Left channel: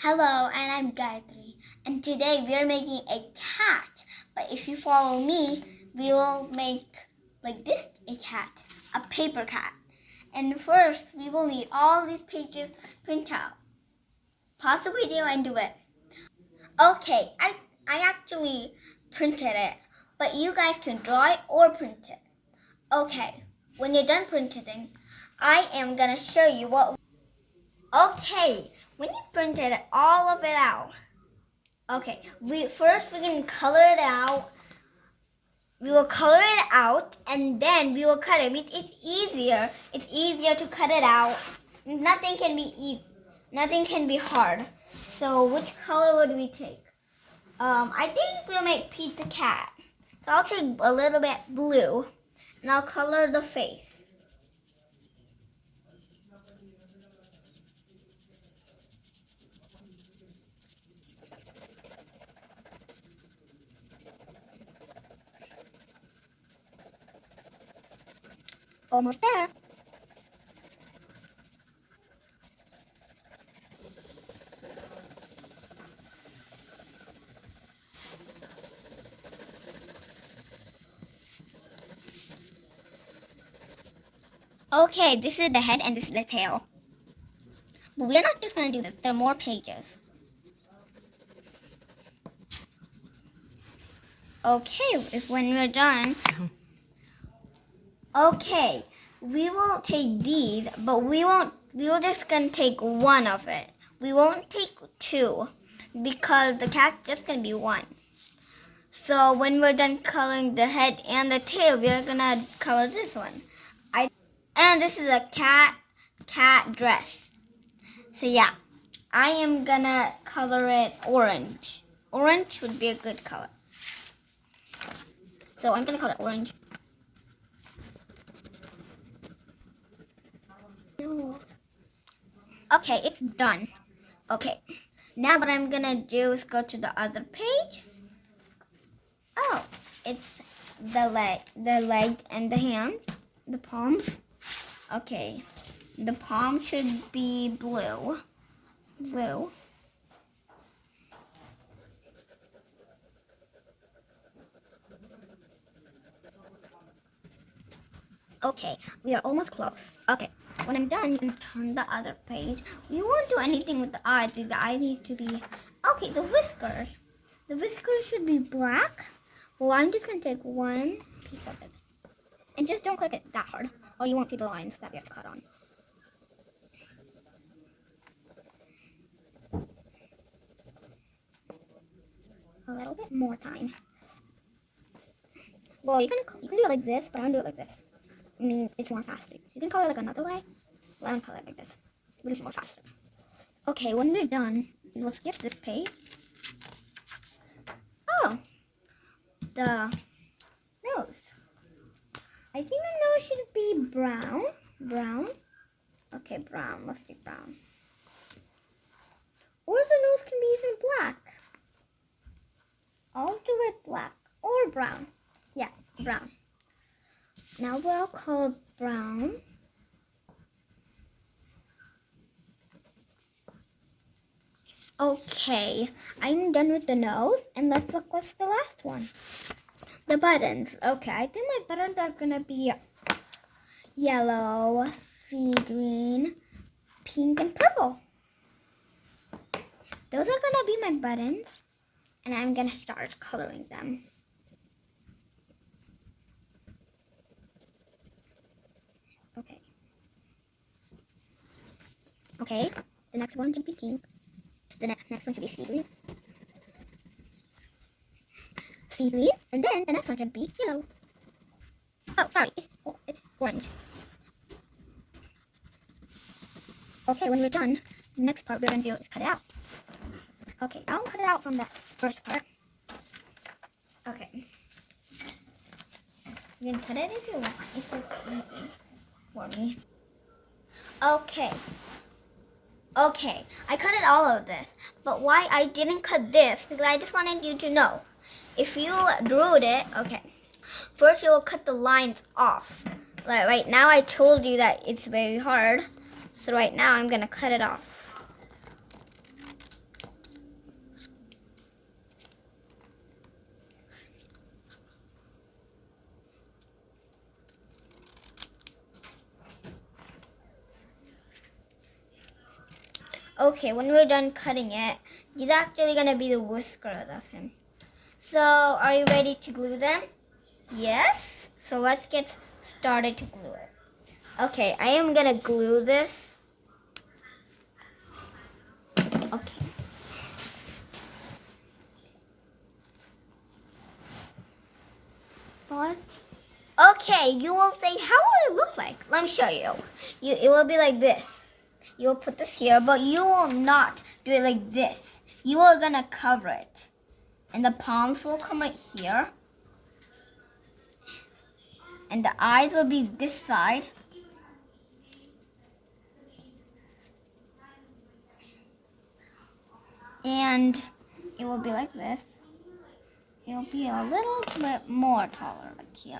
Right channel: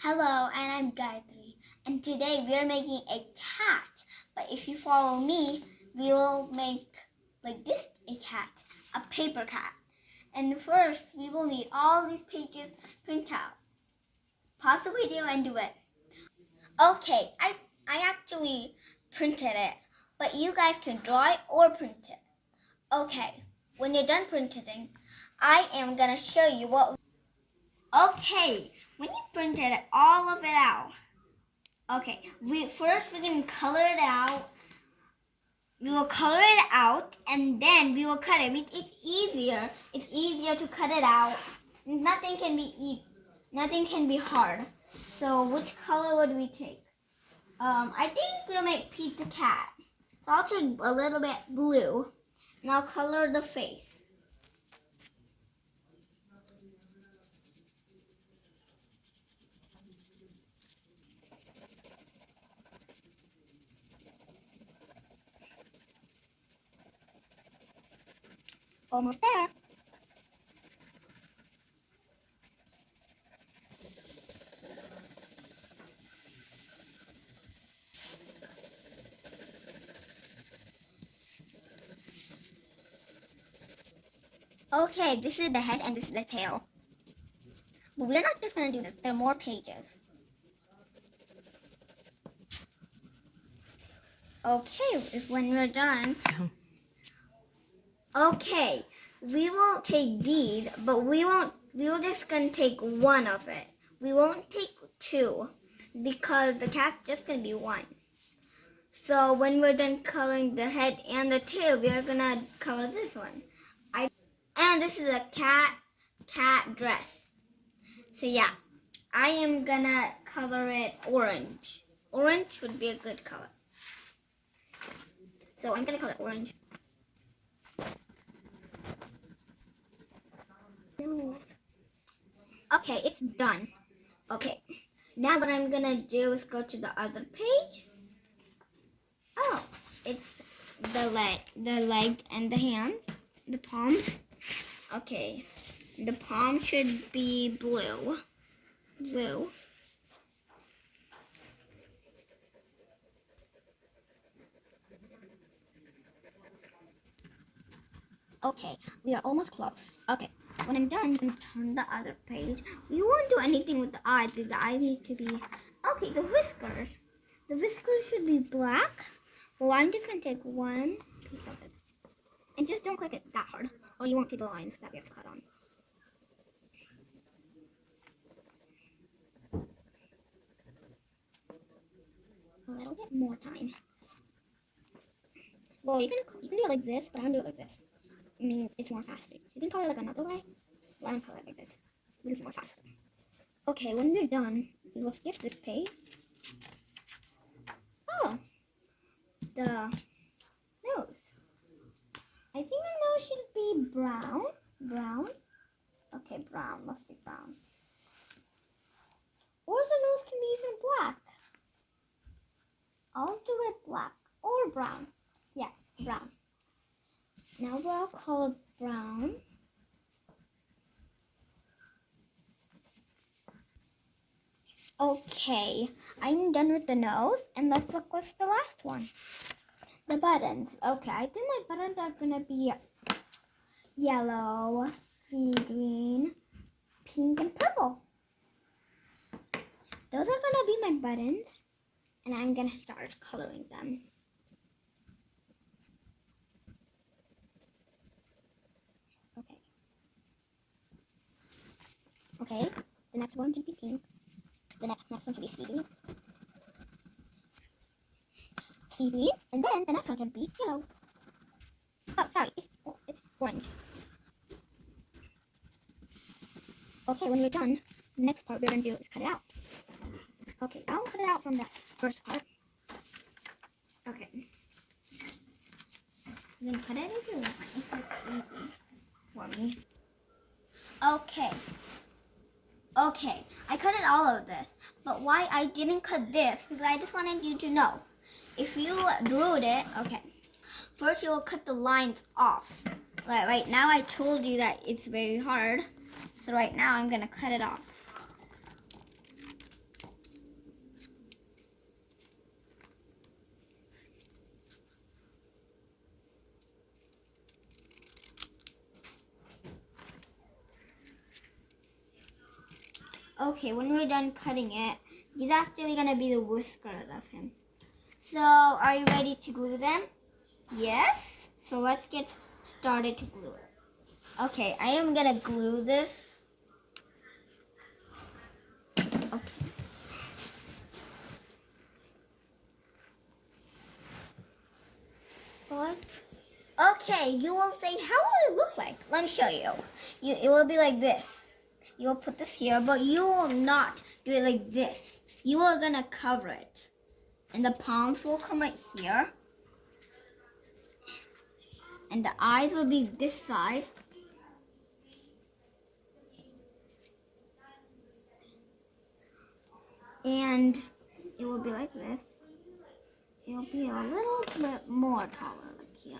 Hello, and I'm Gayatri, and today we are making a cat. But if you follow me, we will make like this a cat, a paper cat. And first, we will need all these pages print out. Pause the video and do it. Okay, I actually printed it, but you guys can draw it or print it. Okay, when you're done printing, I am gonna show you what. Okay, when you printed all of it out. Okay, we can color it out. We will color it out and then we will cut it. It's easier. It's easier to cut it out. Nothing can be easy. Nothing can be hard. So which color would we take? I think we'll make Pete the cat. So I'll take a little bit blue and I'll color the face. Almost there. Okay, this is the head and this is the tail. But we're not just going to do this. There are more pages. Okay, if when we're done. Okay, we won't take these, but we're just gonna take one of it. We won't take two because the cat's just gonna be one. So when we're done coloring the head and the tail, we're gonna color this one. And this is a cat dress. So yeah, I am gonna color it orange. Orange would be a good color. So I'm gonna color it orange. Okay, it's done. Okay, now what I'm gonna do is go to the other page. Oh, it's the leg and the hands, the palms. Okay, the palm should be blue. Blue. Okay, we are almost close. Okay, when I'm done, you can turn the other page. You won't do anything with the eyes because the eyes need to be... Okay, the whiskers. The whiskers should be black. Well, I'm just going to take one piece of it. And just don't click it that hard, or you won't see the lines that we have to cut on. A little bit more time. Well, you can do it like this, but I'm gonna do it like this. I mean, it's more faster. You can color it like another way, but I'm gonna color it like this. But it's more faster. Okay, when we're done, we will skip this page. Oh, the nose. I think the nose should be brown. Brown. Okay, brown. Let's do brown. Or the nose can be even black. I'll do it black or brown. Yeah, brown. Now we'll color brown. Okay, I'm done with the nose, and let's look what's the last one. The buttons. Okay, I think my buttons are gonna be yellow, sea green, pink, and purple. Those are gonna be my buttons, and I'm gonna start coloring them. Okay. Okay, the next one should be pink. The next one should be sea green. Sea green, and then the next one should be yellow. Oh, sorry, it's orange. Okay, when we're done, the next part we're gonna do is cut it out. Okay, I'll cut it out from the first part. Okay. You can cut it if you want, if it's easy for me. Okay. Okay, I cut it all of this, but why I didn't cut this, because I just wanted you to know. If you drew it, okay, first you will cut the lines off. Like right now I told you that it's very hard, so right now I'm gonna cut it off. Okay, when we're done cutting it, he's actually gonna be the whiskers of him. So, are you ready to glue them? Yes? So let's get started to glue it. Okay, I am gonna glue this. Okay. What? Okay, you will say, how will it look like? Let me show you. It will be like this. You will put this here, but you will not do it like this. You are gonna cover it. And the palms will come right here. And the eyes will be this side. And it will be like this. It will be a little bit more taller, like here.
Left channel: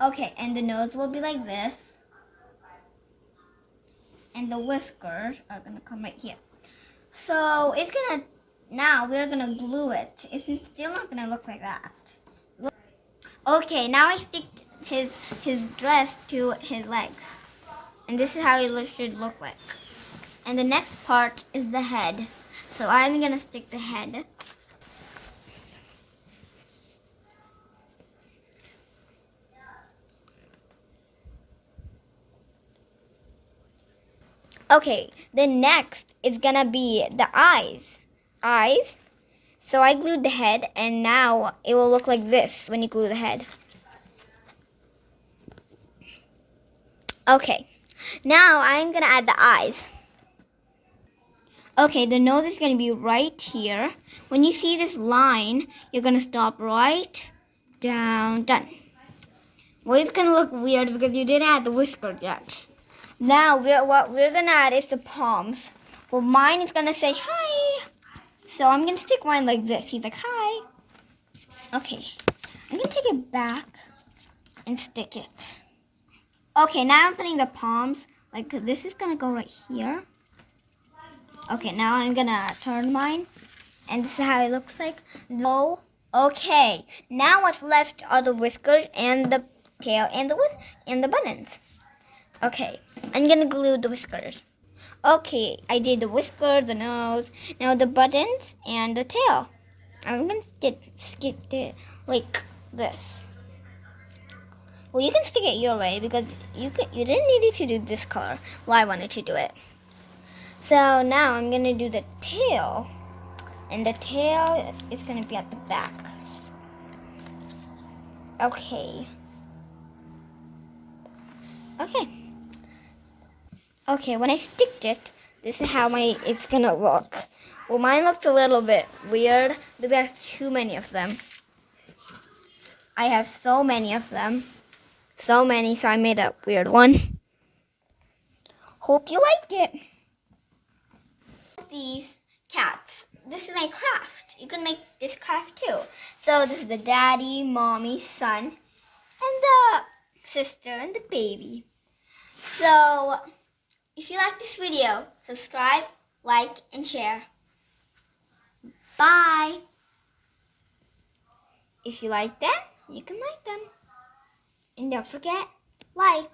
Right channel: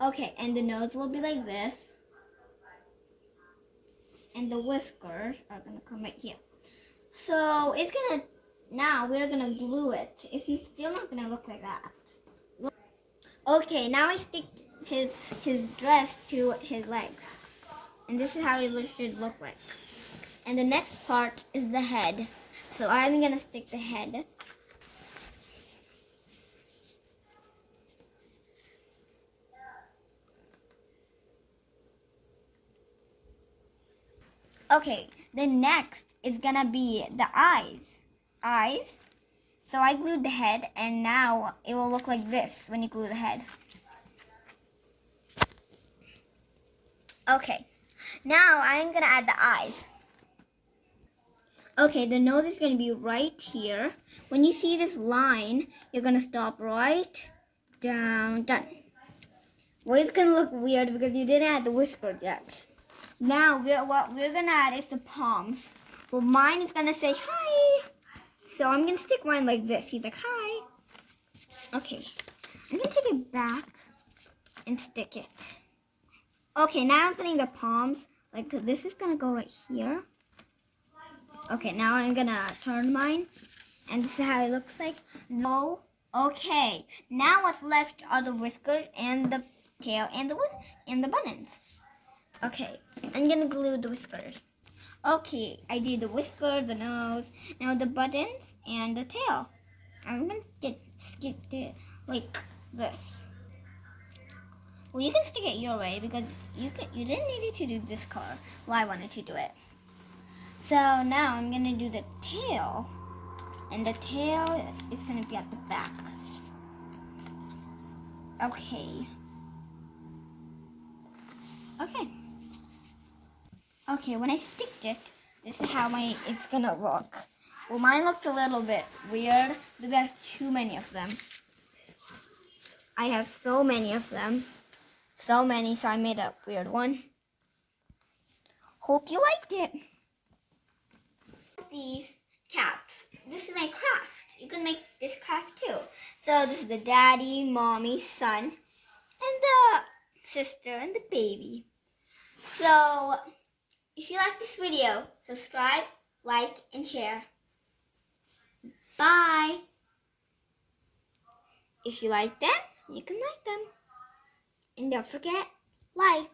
Okay, and the nose will be like this. And the whiskers are gonna come right here. So it's gonna, now we're gonna glue it. It's still not gonna look like that. Okay, now I stick his dress to his legs. And this is how it should look like. And the next part is the head. So I'm gonna stick the head. Okay, then next is gonna be the eyes. Eyes. So I glued the head, and now it will look like this when you glue the head. Okay, now I'm gonna add the eyes. Okay, the nose is gonna be right here. When you see this line, you're gonna stop right down, done. Well, it's gonna look weird because you didn't add the whisker yet. Now, what we're gonna add is the palms. Well, mine is gonna say hi. So I'm gonna stick mine like this. He's like, hi. Okay, I'm gonna take it back and stick it. Okay, now I'm putting the palms, like this is gonna go right here. Okay, now I'm gonna turn mine, and this is how it looks like. No. Okay, now what's left are the whiskers and the tail and the buttons. Okay, I'm gonna glue the whiskers. Okay, I did the whisker, the nose, now the buttons and the tail. I'm gonna stick it like this. Well, you can stick it your way because you didn't need it to do this color. Well, I wanted to do it. So now I'm gonna do the tail, and the tail is gonna be at the back. Okay. Okay. Okay, when I sticked it, this is how it's gonna look. Well, mine looks a little bit weird because there's too many of them. I have so many of them. So many, so I made a weird one. Hope you like it. These cats. This is my craft. You can make this craft too. So this is the daddy, mommy, son, and the sister and the baby. So if you like this video, subscribe, like, and share. Bye. If you like them, you can like them. And don't forget, like.